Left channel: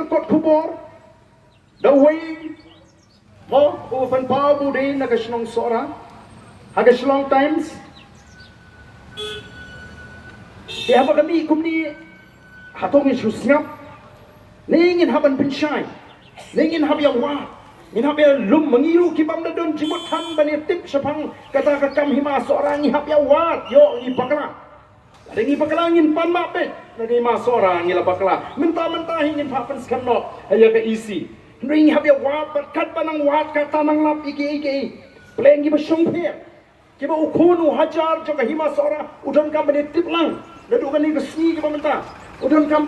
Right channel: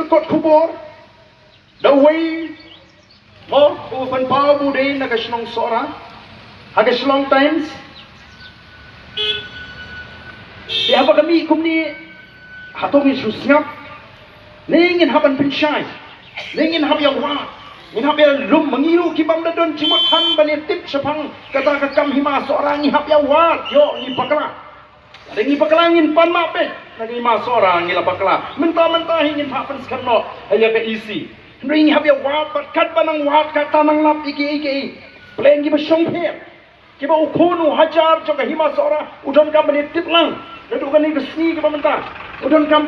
ke kot kubur. The way mo open power bude na kaslong sora. Hagaslong times. Dia apa kami kumni hatong isusngap. Ningin haban pensyai. Ningin hab yang wah. Ngin hab yang lum mengiru kibam dadon jimut han banetip sepang kata kakam hima seorang ngihab yang wat. Yo ngipakala. Ada ngipakalangin pan mapet. Lagi hima seorang ngilapakala. Mentah-mentah ingin hapan sekarang hanya ke isi. Ring hab yang wat. Kat panang wat kata nang lap iki. Peleng giba syongpir. Kiba ukunu hajar juga hima seorang udon kam banetip lang. Lalu kan ni resmi kiba mentah. Udon kam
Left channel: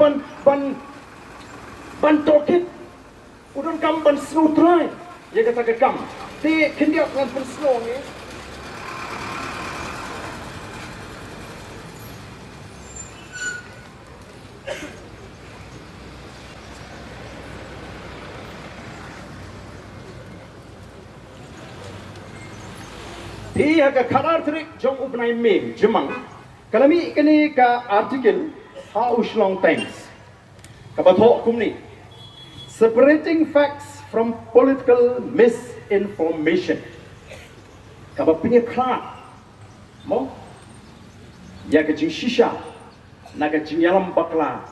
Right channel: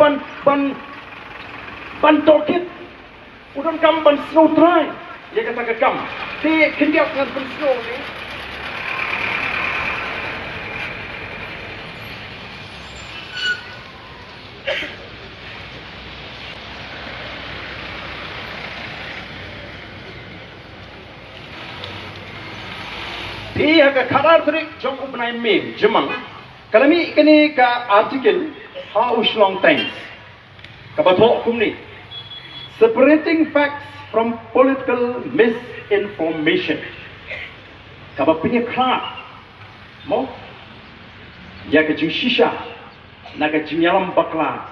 ban tokit. Udon kam ban snow dry. Ya kata ke kam. Ti kendiak ngan ban snow ni. Ti aga karar trik jong upnai meme jemang. Kalami kini ka artikel ha uslong times. Kabathok kumni. Separating facts from political misinformation. Kaba punya Khlad. Mo? Ya ke jing shisha. Naga jing yalam bakla.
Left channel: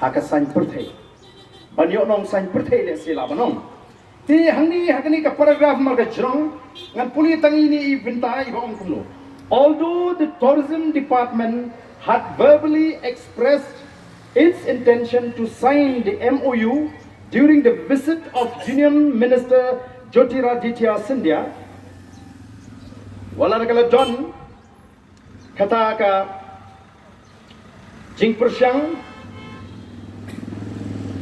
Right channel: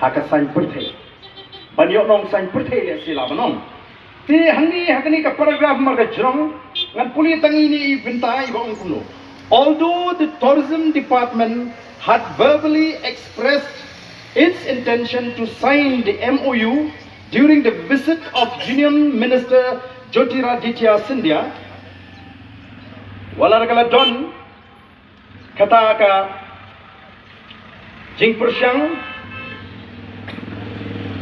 Haka sain perthai. Banyo nong sain perthai le sila banong. Ti hangi hakani ka paragraph marga jrong ngan puli tangi ni bentai bang kuno. Although the tourism department had verbally expressed its intention to sign the MOU during the visit of Union Minister Jyotiraditya Scindia, wala nagala don kata ka jing persyang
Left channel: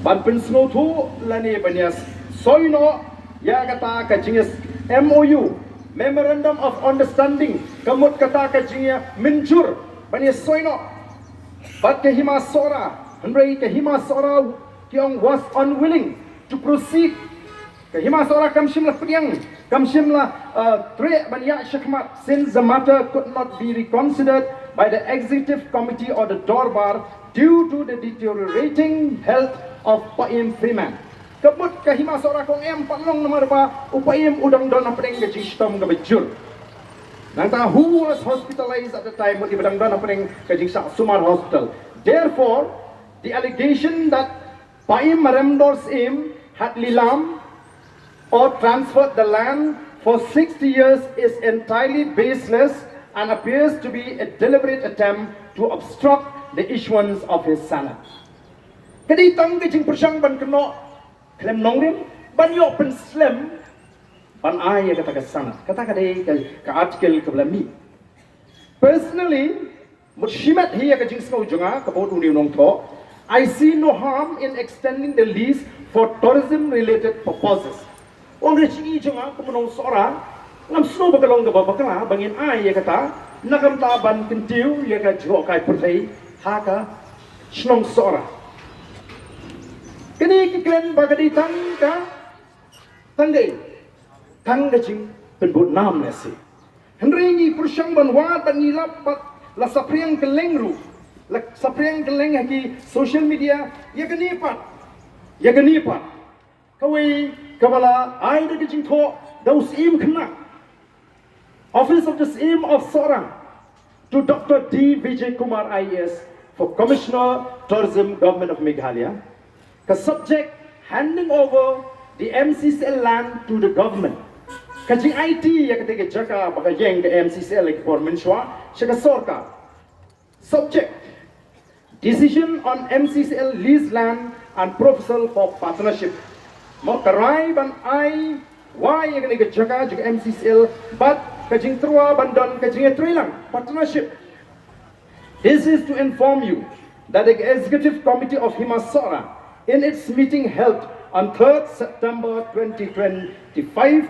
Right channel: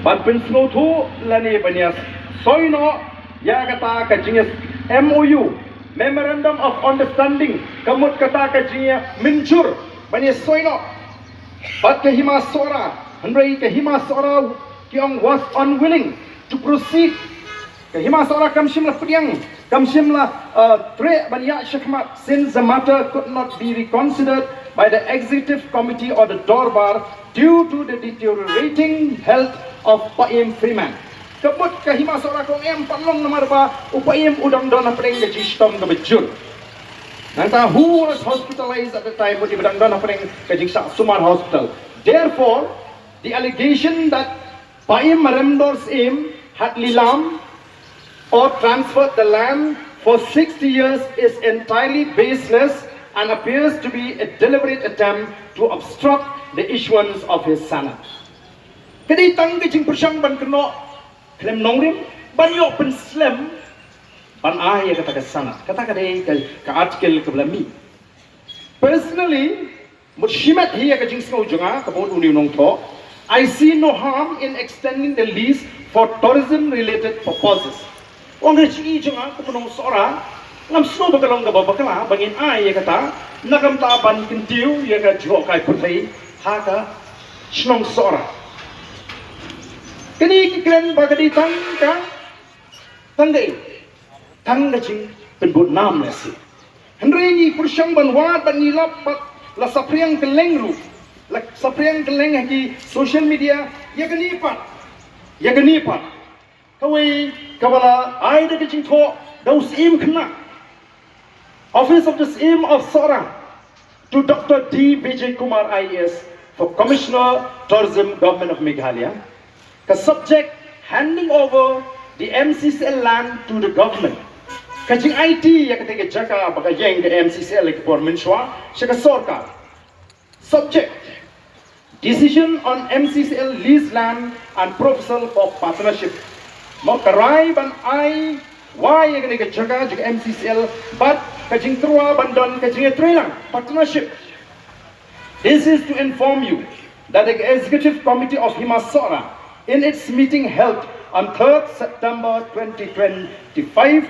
ban pensno thu lani banyas soino ya kata ka jinges MOU Memorandum of Understanding kamut kata ka jinga minjur banyas soino. But Kahima Sora, Henry Kahima Sora Kyong was unwilling to proceed. Kahima Sora Kamshimla Pudiyang, Kamshimla Tre Banyak Shakmat, since the matter could not be reconsidered by the executive committee or the Dorbar due to the deteriorating health of Paim Freeman. Kebut Kahima Sora Kong Em Panlong nomor ba Upaim Udang Dona Pring Gajistom Gabajun. Nanta who was hospitalized at the time di Badang Dona Pring Kajing Sumar Hospital. Therefore, the allegation that Paim Maremdor's aim had lilam or transferred the land for 60 years is entirely baseless and appears to be a deliberate attempt to obstruct the issuance of his sanad. Kadi tang Kajing Persyang ban keno klem nongrim ban yo pen slem ban ay kata ka sanad kata ka dei ka article ka blami. Personally, Mushimat hiya ka jing snow junga ka bod uni nong to. I see no harm in extending the lease for tourism related purposes. Wang rechi junga ka punong sora ngam snow bakalong ka babakala bangin ay kata nakam ta ban kentiu ya ka jo kai purthai ha ka snong sora. Kani ki kren bagadi tang ka tangai tang gajing penbut nam nasi. Henry ni persyang banwa dan nilap la sapriang kelengru la sapriang keleng haki social media ya genipat kawai kabala ai da gajing tho daus im kena office of the aim of Sora to Dr. D. Vijay Kumar IAS for Commissioner Tourism Government of Meghalaya. The subject handing over the MCCL land to the government. Kajing Aiti ya ketika jaka baka yang the MCCL for menshwa shaka Sorkar. Subject decision on MCCL lease land and proposal for partnership. Mau karai ban ai why ya ketika jaka juga MCCL but kajing terua bandon kajing trailang partnership. This is to inform you that the executive committee of Himasora in its meeting held on 3rd September 2025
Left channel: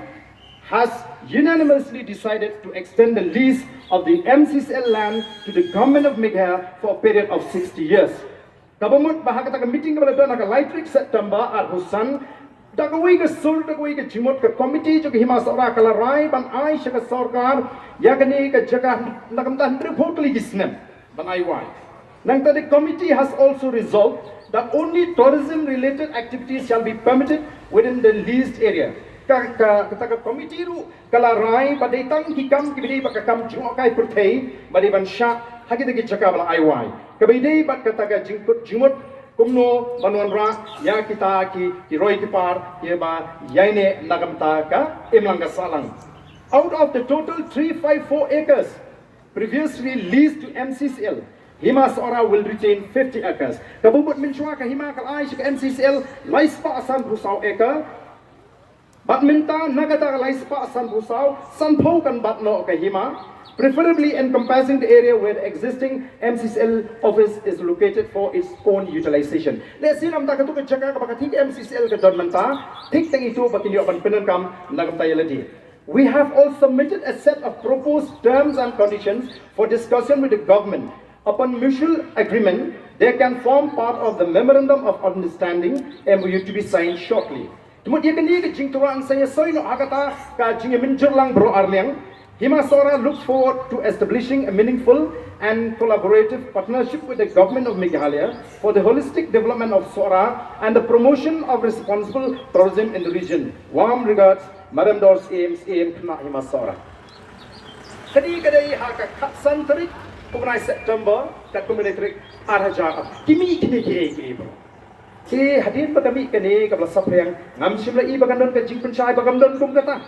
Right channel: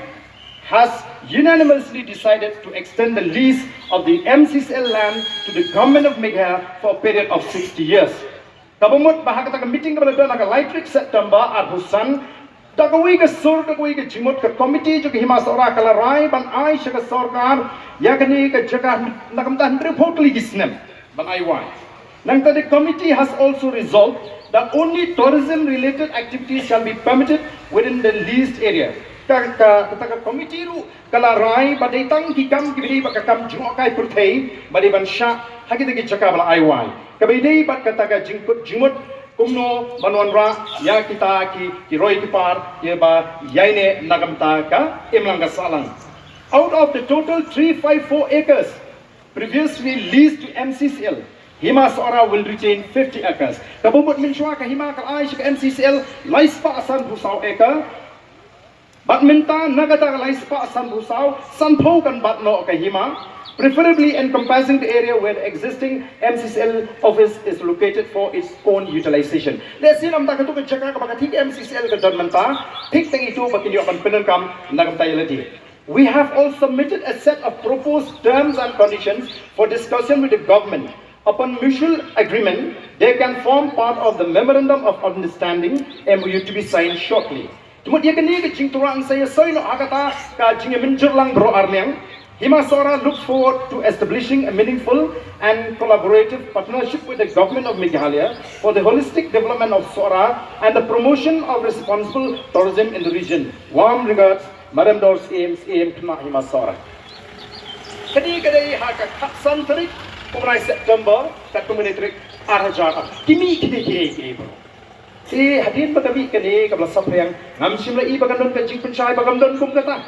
has unanimously decided to extend the lease of the MCCL land to the government of Meghalaya for a period of 60 years. Kabumut bahag taka meeting kepada dona ka Lightrik September arhusan dakawi ke sur dakawi ke jimut ke komiti juga Himasora kalarai ban ai syaka Sorkar yakni ke jaga nakam tahan report ligisnem ban ai wai. Nang the committee has also resolved that only tourism-related activities shall be permitted within the leased area. Kata committee ru kala rai badai tang kikam kibidi bakakam jungokai purthei badai bansha hagi dagi jaka bala aiwai. Kabidai bat kata ka jingkut jumut kumno manwanra ya kita ki roi kipar ye ba yaine nagamta ka imlanga salang. Out of the total 354 acres previously leased to MCCL, Hima Sora will retain 50 acres. Kabubut minshwa ka Hima kalai ka MCCL laispa asan busau acre. Bat minta nagata laispa asan busau sanpo kan batno ka Hima, preferably encompassing the area where the existing MCCL office is located for its own utilization. Let's see namta ka tu ka jaga ka bakatik MCCL ka don manta, tik tang itu bakin yo kan penankam nagam tayalati. We have also submitted a set of proposed terms and conditions for discussion with the government. Upon mutual agreement, they can form part of the Memorandum of Understanding MOU to be signed shortly. Kemudian kini kecing turang saya soino agata kajing menjerlang bro arneng. Hima Sora looks forward to establishing a meaningful and collaborative partnership with the government of Meghalaya for the holistic development of Sora and the promotion of responsible tourism in the region. Warm regards, Madam Dors AM Kna Hima Sora. Kadi kadai haka kapsan tarik kumrai September kat kumenitrik arhajar. Kimi kini bro. Si hadin bagami kani kabla saprang ngamsim lai bagandon ka jing pencai bagandon kum kata.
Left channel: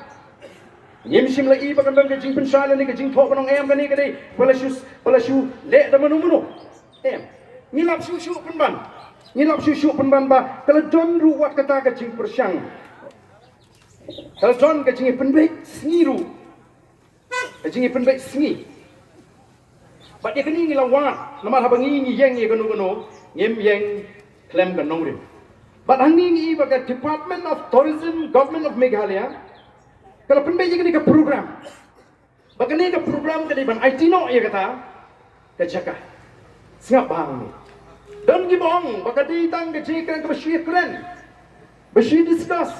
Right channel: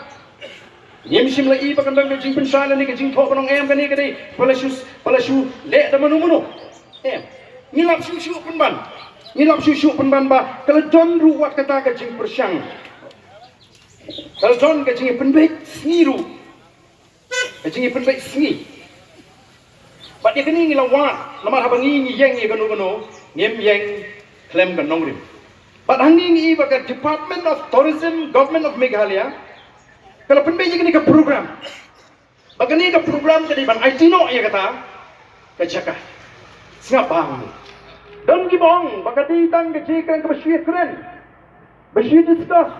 Nyemsim lai bagandon ka jing pencai ni ka jing thok nong em kani kadai palashu le da manu. Ngilap shu penban. Ngilap shu penban ba kalau don ruwat kata ka jing persang. Kalau don ka jing penbaik sniru. Ka jing penbaik sni. But dia kini ngilawat nama habangi ngiyeng ye kanu ngem yeng klem kan nongrim. But hangi ni baga Department of Tourism Government of Meghalaya kalau penbai je kini ke program. Baga ni ke program jadi ban Aiti no ya kata ke jaka. Singap bang. Dan gibong baga ditang ke jikan ke bersih keren. Bersih discuss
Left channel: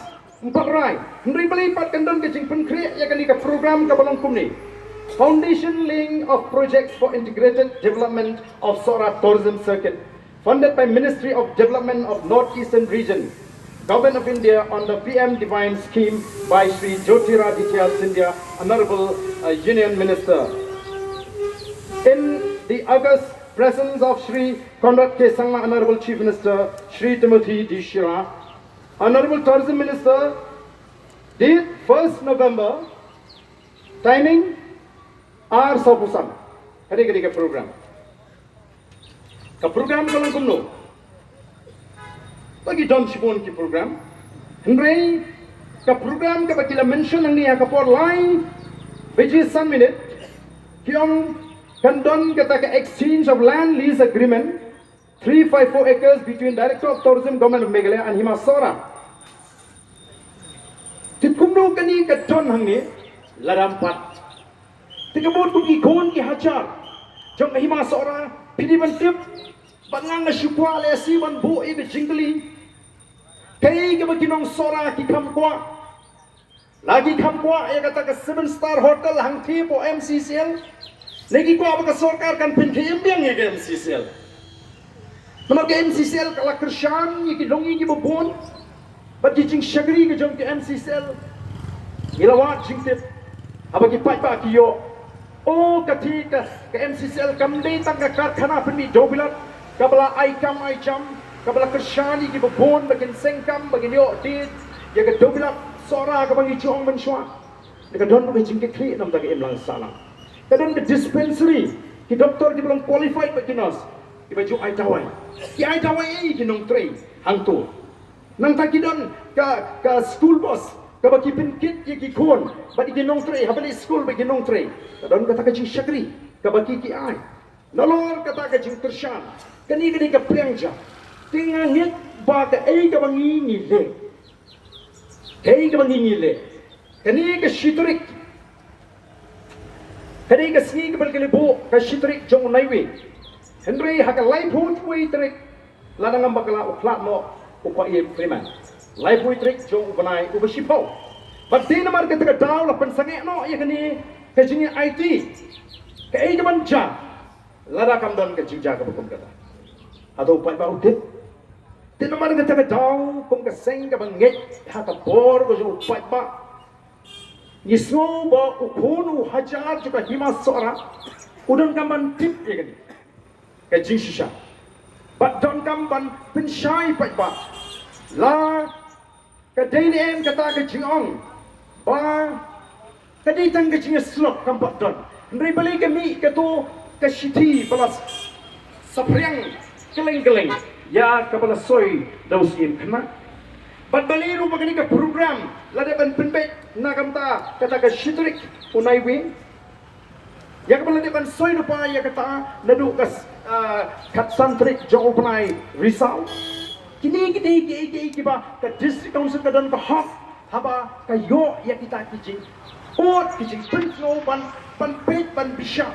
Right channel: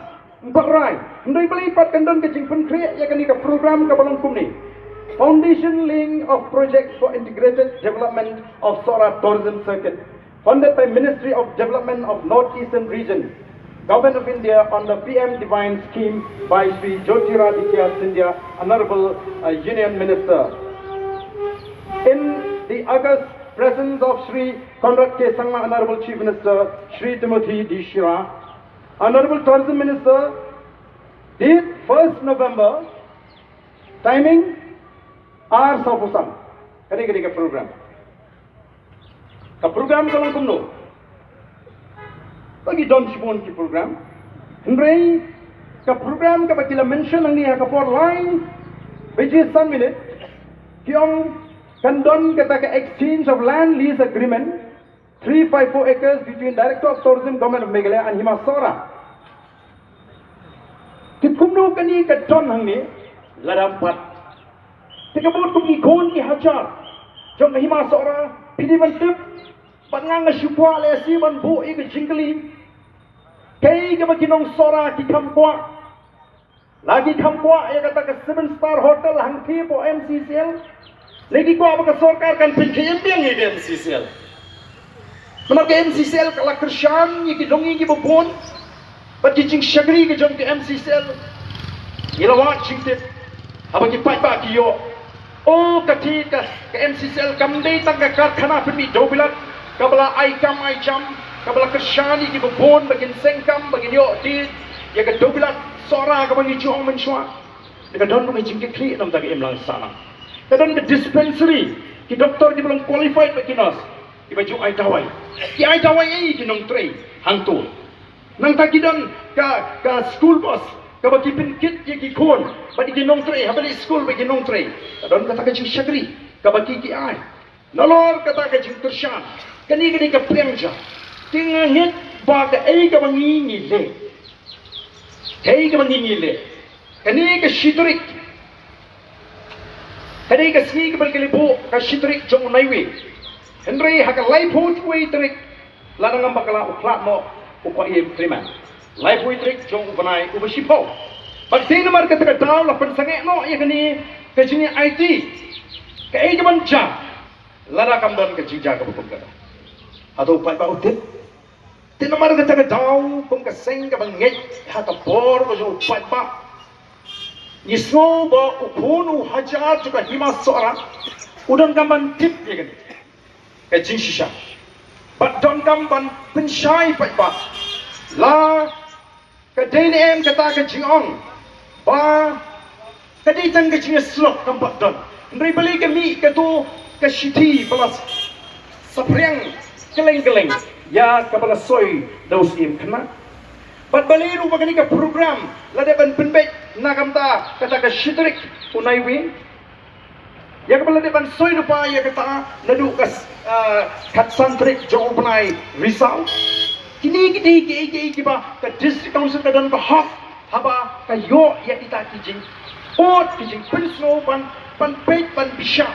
empat rai. Hendai belipat kan don ke jing penkriak ya kini ke program ke balong kumni. Foundation laying of projects for integrated development of Sora Tourism Circuit, funded by Ministry of Development of North-Eastern Region, Government of India on the PM Divine Scheme by Sri Jyotiraditya Scindia, Honorable Union Minister. In the August presence of Sri Conrad K. Sangma, Honorable Chief Minister, Sri Timothy D. Shira, Honorable Tourism Minister, date 1st November, timing R Sapusam. Kali ke program. Ke program kalau kumno. Bagi don sibon ki program. Hendrai ke program ke bakila mention ang niya kapor line which is some minute. Kiong kan don kata ke exchange of land lease agreement 354 acres between Director of Tourism Government of Meghalaya and Hima Sora. Kumno kani ke don hang ni ladampat. Tiga buat pergi kon ki hajar. Jom Hima Sora pidi bantip bangang syupwa le si ban bu i ke jingli. Kai ke bagi nong Sora ki kamkwa. Lagi kamkwa ya kata ke 7-star hotel hang thi po MCCL. Lagi kwa apa ke Sorkar kan pinjam biang ke MCCL. Nomor ke MCCL kala kersham ye ki dongi ki bobon. Bat ki jing shagri ke jom ke MCCL. Ilawat jingtip. Apa ki pai ba ki yo. Oh ketika ke MCCL kamdei tangga karkhana penmi dobilat kabla aikam aijam kabla kershani ki bobon bagin sengkam bagin yo di ya ke dobilat Sora ka bagi juang menshwa ka don bagi jingke kli nam tag imlang salang ka don ke dispensary ki doktor di belum qualified bagi nas ki baju ai tawai ki nong trei hangtu nang tag don ka school bus ka bagi pinkit ki kon bagi ki nong trei habali school bagi nong trei don kata ka jing shagri ka bagi ki ai nolor kata ka jing tershan kani ka prengja tingangit ba ka ai ka bangi le Hei ka mangingile, kani ka shitrik, kani ka ski ka balkilipo ka shitrik jong naiwi, Henry haka life hood way trik, lanang ang bakala o Khlad mo upa iye Freeman, life way trik jong upanay ubasipo. But di naman ka taga daw la pensange no iya kani ka jini Aiti, ka ay ka manja, Lada kamdan ka jija ka bukum kata. Atau pai ba utit. Tinamar ka taga daw pung ka seng ka bangit ha ka bor ko jo pai ba. Nisno ba upunu hajar juga hima sora. Udan kamban tip ya kan. Ka jing shisha. But don kamban pensyai pai ba. La ka dain em kata ka jing ong. Ba ka ditang ka jing slok kambat don. Ndri balik kami ka tu ka shiti balas sapriang keleng-keleng ya kapala soy daus im kena bat baliru bagani ka program lade ban penbet nakamta kata ka shitrik unai wi ya kapala de ban soy lupa ya kata nadu kas kat santrik jong plai Risaw kini ba ka district council ka dan ka hak haba ka yo ya kita kijing ot kijing pensno ban pet ban bisha